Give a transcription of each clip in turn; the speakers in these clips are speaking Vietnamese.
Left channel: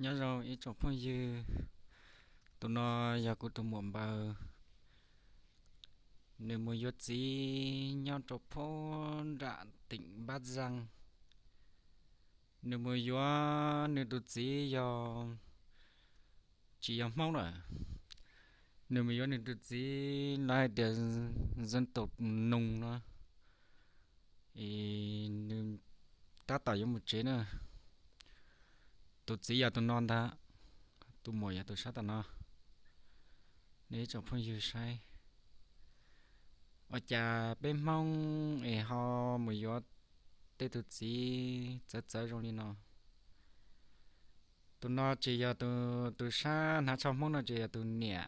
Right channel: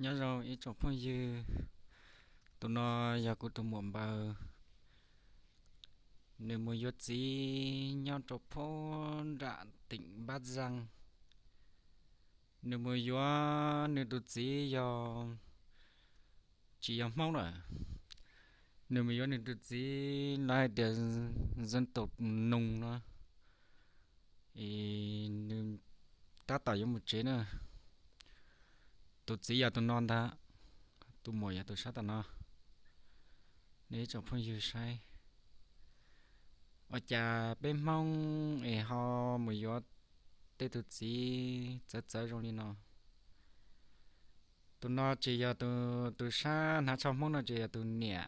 nhớ rồi ít chụp phong dư tụi nó giờ của tụi muộn bờ nếu mà yếu gì nhau chụp phong đã tỉnh bát răng nếu mà yếu nếu tụi gì giờ chỉ làm mong rồi nếu mà yếu nếu tụi gì lại để dân tộc nùng nó thì nếu ta tạo ra một chế nữa tụi gì giờ tụi non ta tụi mồi giờ tụi sát tụi nó nếu chụp phong dư sai ở cha bên mong ấy họ mới có tê tụt gì chết rồi đi tụi nó chỉ giờ tụi xa nó trong mong nó chỉ giờ tụi nhẹ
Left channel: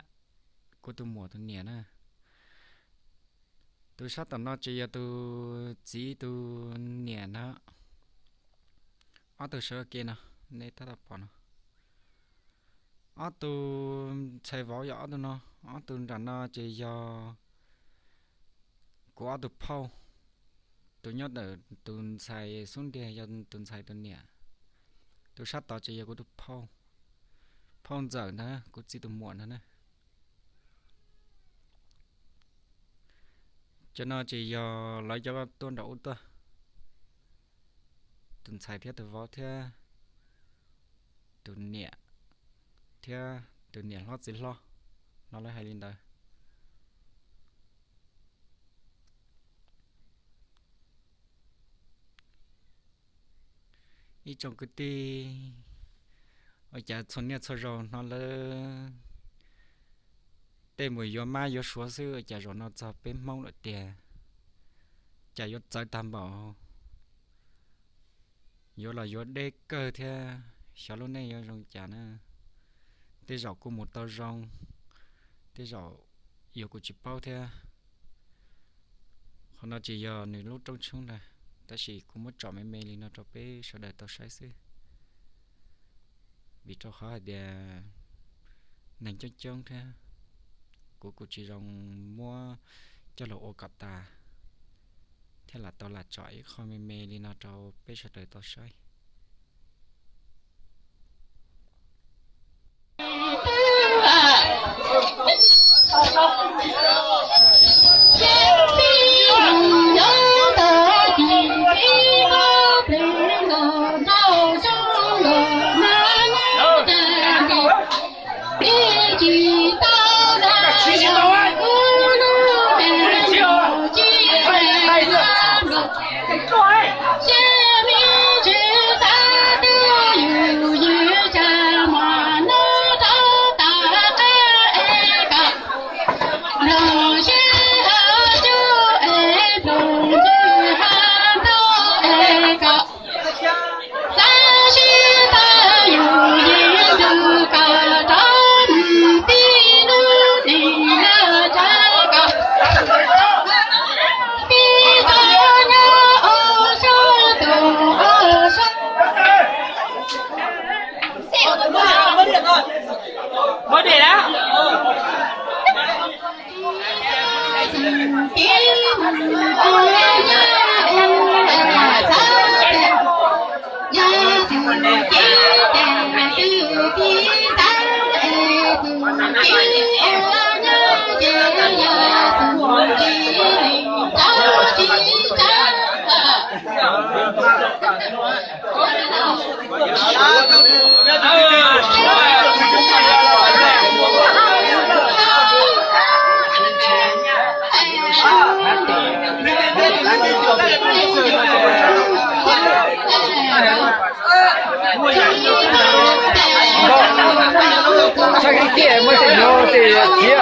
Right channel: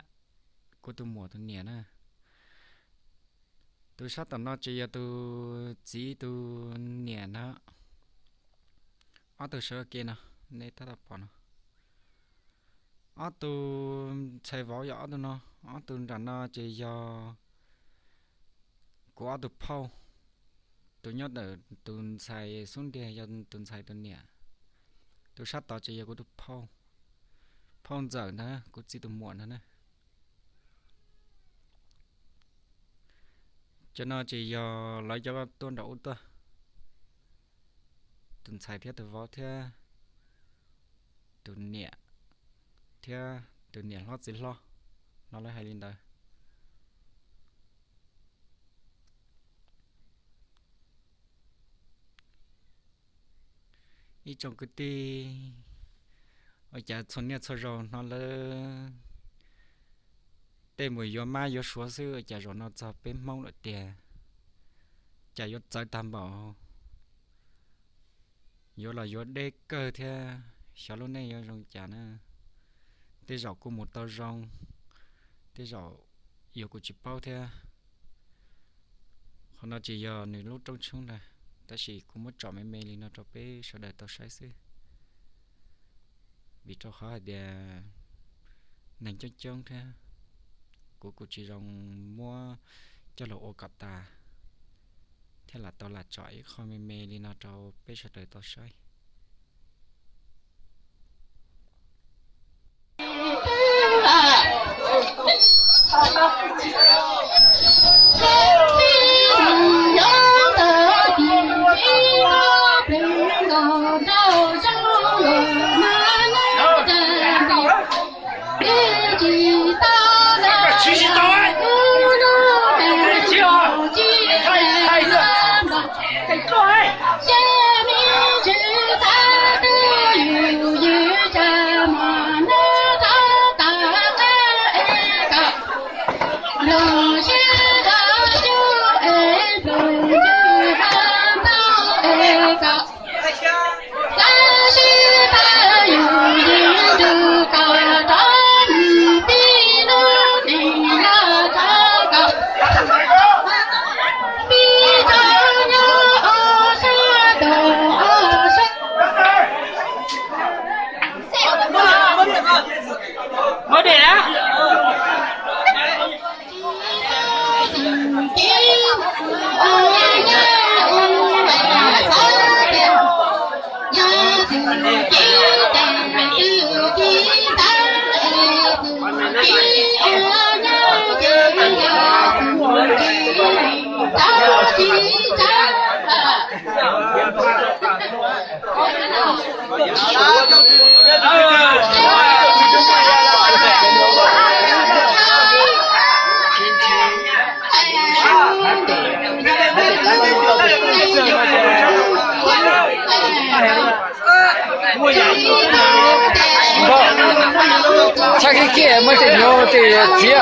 của tụi mùa tụi nhẹ nè tụi sát tụi nó chỉ giờ tụi chỉ tụi nhẹ nó ở tụi sợ kia nè nên ta đập bỏ nó ở tụi chạy võ gió tụi nó ở tụi rằng nó chỉ giờ của tụi phao tụi nhớ đỡ tụi xài xuống đè cho tụi xài tụi nhẹ tụi sát tao chỉ của tụi phao phao giờ nữa cũng chỉ tụi muộn nữa nè cho nó chỉ giờ lấy cho tuôn đậu tôi tụi xài theo tụi võ theo tụi nhẹ theo tụi nhẹ lo gì lo nó lấy hai linh đời ý trong cái tì ở nhà xuân nhà sau rồi nó là tên mùi gió mai gió số xưa ở nhà rồi nó cho bên mong lại tiền nhà gió trái tam bảo gió là gió đê cơ theo sau lúc này gió rong chả nữa tê rau của một tàu rong tê rau gió của chị bao theo còn nó chỉ giờ này lúc trong chung này ta chỉ cũng mất chọn mấy mê li nó cho bé sau đây tao sai xí vì cho khó để nành cho chân thế của chị rong mua cho lộ ô cặp ta thế là tao là chọi không mê mê li nó cho bé sau đây tao sai Có đề đó. chắc cái kia mới tỉnh nó thì chia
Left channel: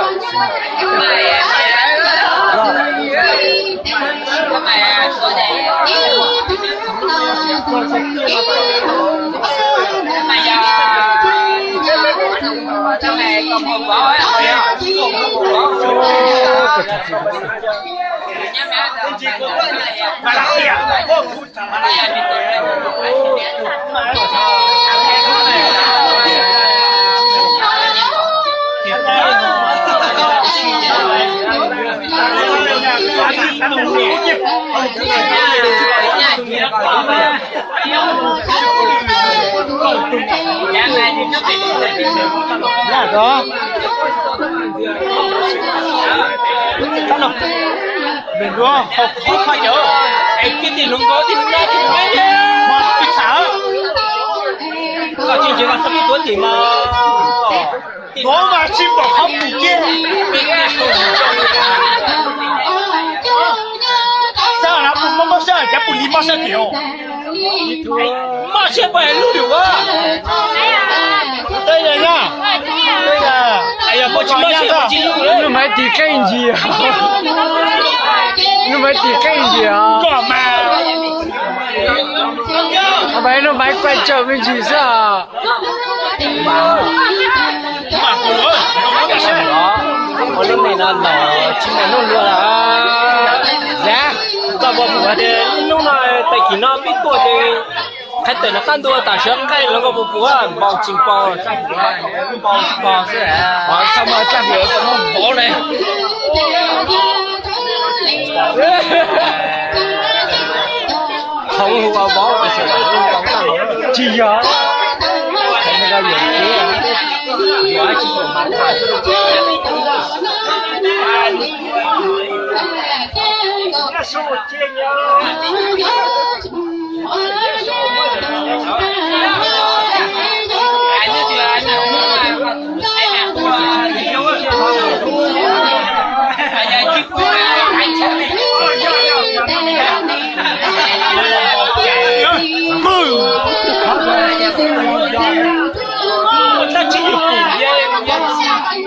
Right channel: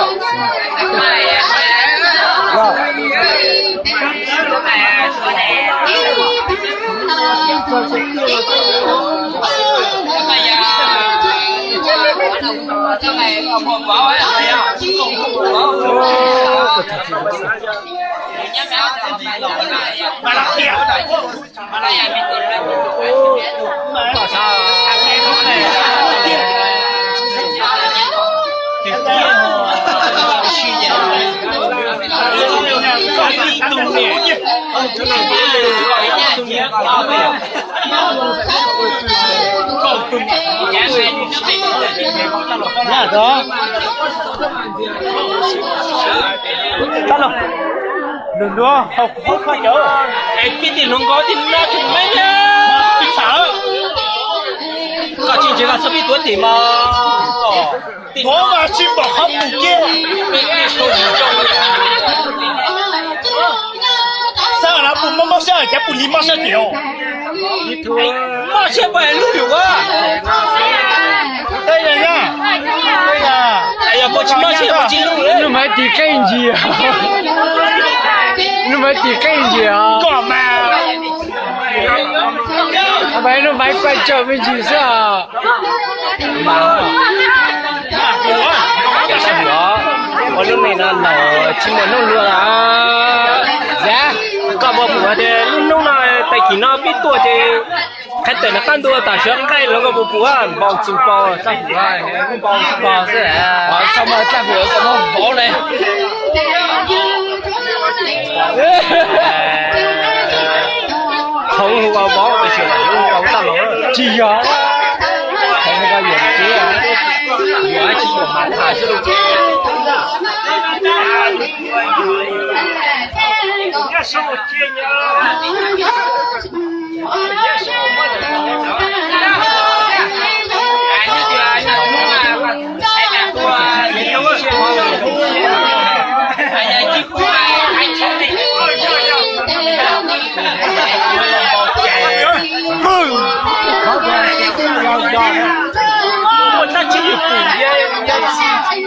Dạ Là đó. Tao lộc. Đừng đó, học khó nhớ. Em biết thì luôn có thì nó thì mấy nhá. Mà bị sợ. Có chuyện gì là sắp đi tuổi thì mà. Có mà chim bỏ không đủ kia. Sao là bụng mà sao chả bụng lima sao tiểu. Mà sao vậy luôn được á. Đây là nhá. Đây là. Ai ya, bố chim mà sao chim luôn. Nó mới thì cái gì à? Nó mới thì cái gì à? Có mà. À vậy nó mới quay trở về gì sao? Mà. Ở lúc này là nó chim này nó lừa là. Dạ. Các bộ bùa thì lúc nào tại khi nó biết tuổi thì khách tới nó can tuổi tại sao cái nó có bộ bùa bao chim bao chắc là bao chim bao sẽ. Xong rồi chắc vừa có nó bỏ này. Không hù bao cái chuyện này không tao Chỉ nhớ. Thấy nó ra biển kia à? nói chỉ ta chỉ được cùng dân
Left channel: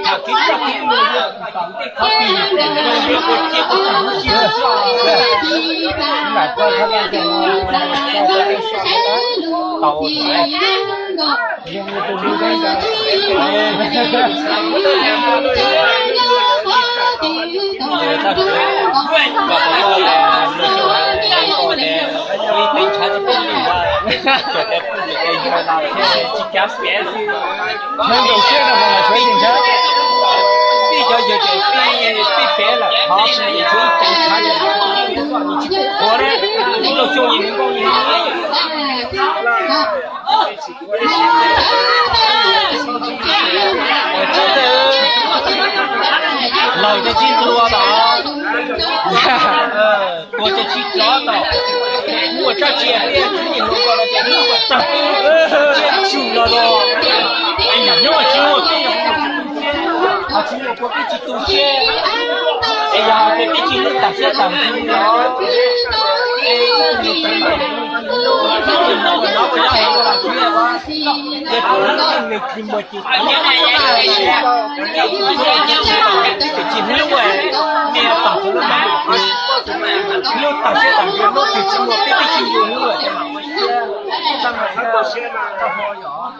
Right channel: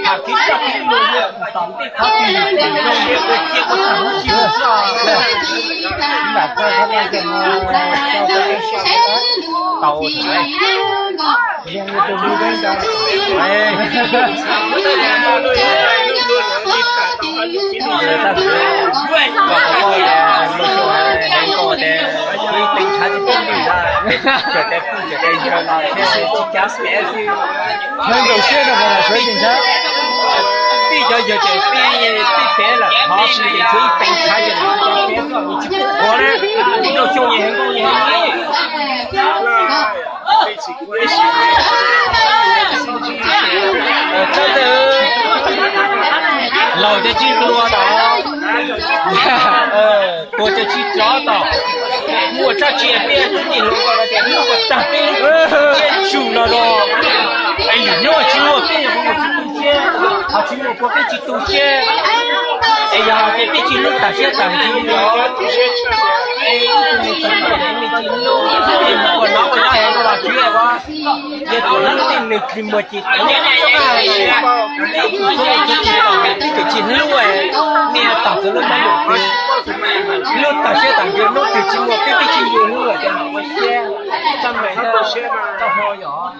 à cái tập người dân tóm thì khó tìm đồng việc của kia có chẳng chịu sao Là coi không ăn chừng cho cái tàu này. Riêng như tôi đi đến đâu. Nên đầu tiên là bọn thuế chính xác. bây giờ thế là khó thì thuế cảnh sát thì chỉ có đấy nó cho nhiều hơn công nhiều lời cho chi đua đó của cho chi chó đó mua cho chị biết thì lúc đó là tiền nó tập chủ nó đó anh nhớ nó chỉ một cái họ chỉ một cái chỉ tu xe anh giờ cái chỉ lúc ta sẽ tặng gì đó anh chỉ nó cho em là chuyện đó cái nó thì mình chỉ một chỉ cái chỉ lúc ấy mình tặng cho nó mà lúc ta sẽ tặng cho nó chỉ một cái chỉ luôn rồi cho nó mới xe trong này nó xe nó ho nhỏ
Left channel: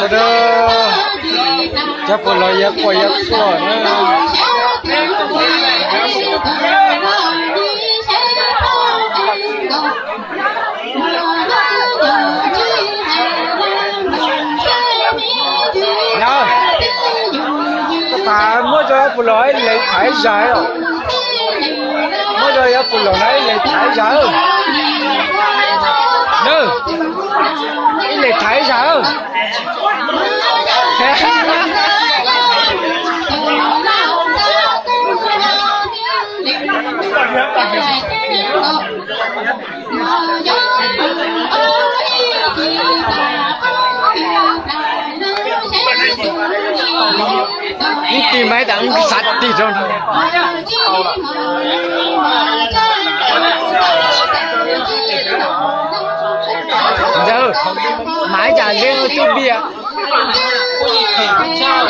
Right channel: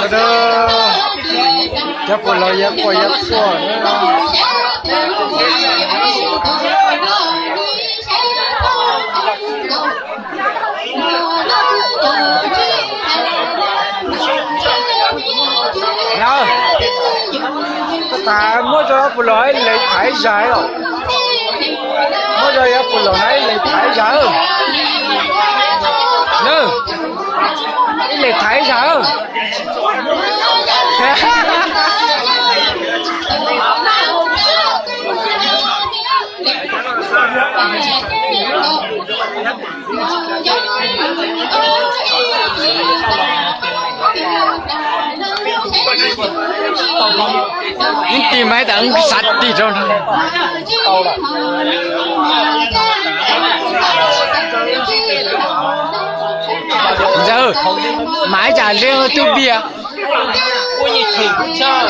Cho đó chắc có lời giác qua giác qua nữa. Nhớ tất cả mỗi giờ phụ lỗi lấy thái giải rồi mỗi giờ phụ lỗi này lấy thái giải rồi nè lấy thái giải rồi những cái máy đang sạch đi rồi lâu rồi giờ mãi trả riêng tiêu bia ôi thì cũng sao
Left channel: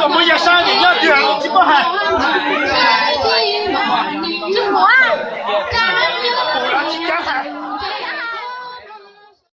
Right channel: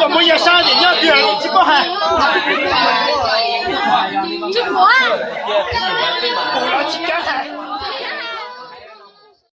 còn bây giờ sao thì nhớ tiền chỉ có hai Trung Quốc à? cũng là chỉ có hai